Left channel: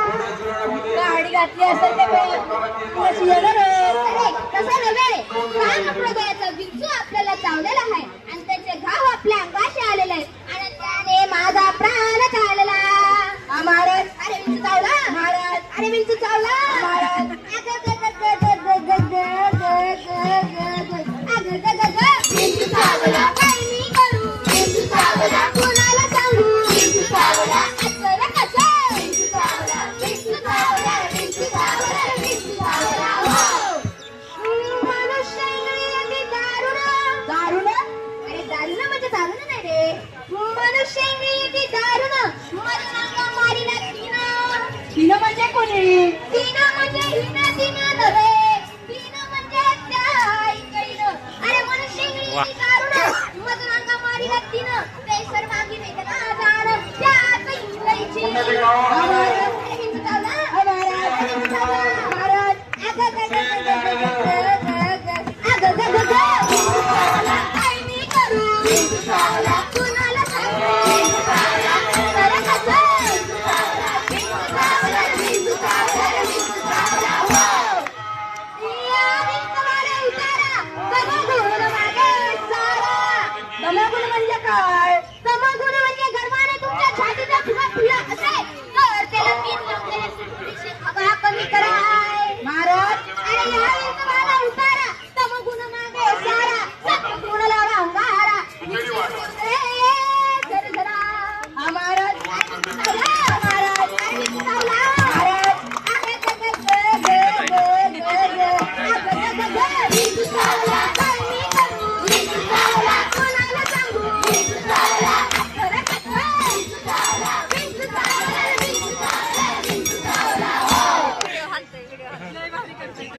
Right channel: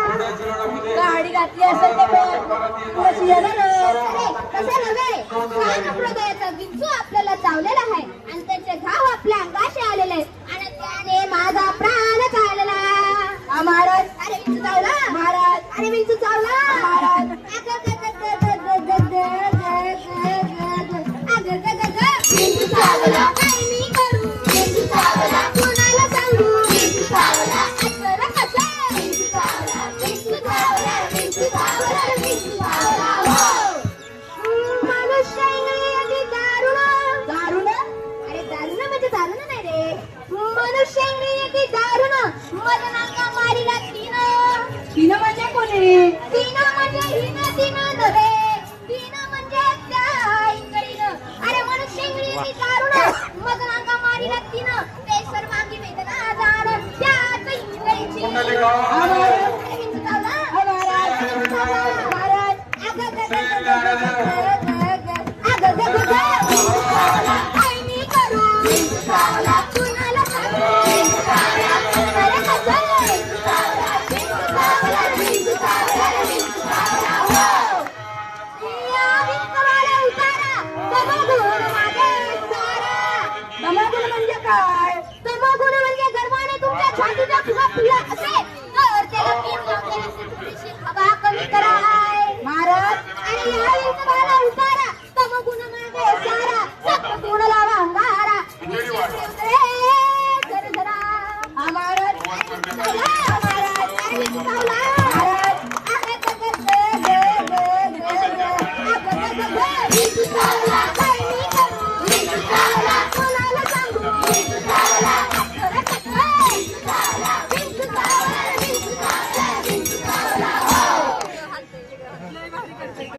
गाडी घातली असेल विंचू आपल्याला चावलेला आहे आणि त्याचे घाव आपल्या अंगाशी आलेले आहेत आणि त्याने माझा प्राण चालला. महाराज अरे विंचू चावला. महाराज अरे विंचू चावला. महाराज विंचू चावला. मी करू विंचू चावला. कोणाला सांगू विंचू चावला. असं कसं विंचू चावला. विंचू चावला. विंचू चावला. विंचू चावला. मनुष्य इंद्रिय दारुण. दारुण अरे दारुण म्हणजे दारुण नाही रे. मनुष्य इंद्रिय दारुण मरणाला मारिला तीन. तीन म्हणजे कोणी? तीन म्हणजे हिन तीन नव्हे. तीन म्हणजे त्या इंद्रियनं. अरे मनुष्य इंद्रिय दारुण मरणाला मारिला तीन. ते सर्वांगी वेद का जाण त्यात इंद्रियची. महाराज दमागुण म्हणजे काय? दमागुण म्हणजे गर्वाने तुमच्या छातीचा फुगा फुलला असेल तर त्याला कमी कराय. महाराज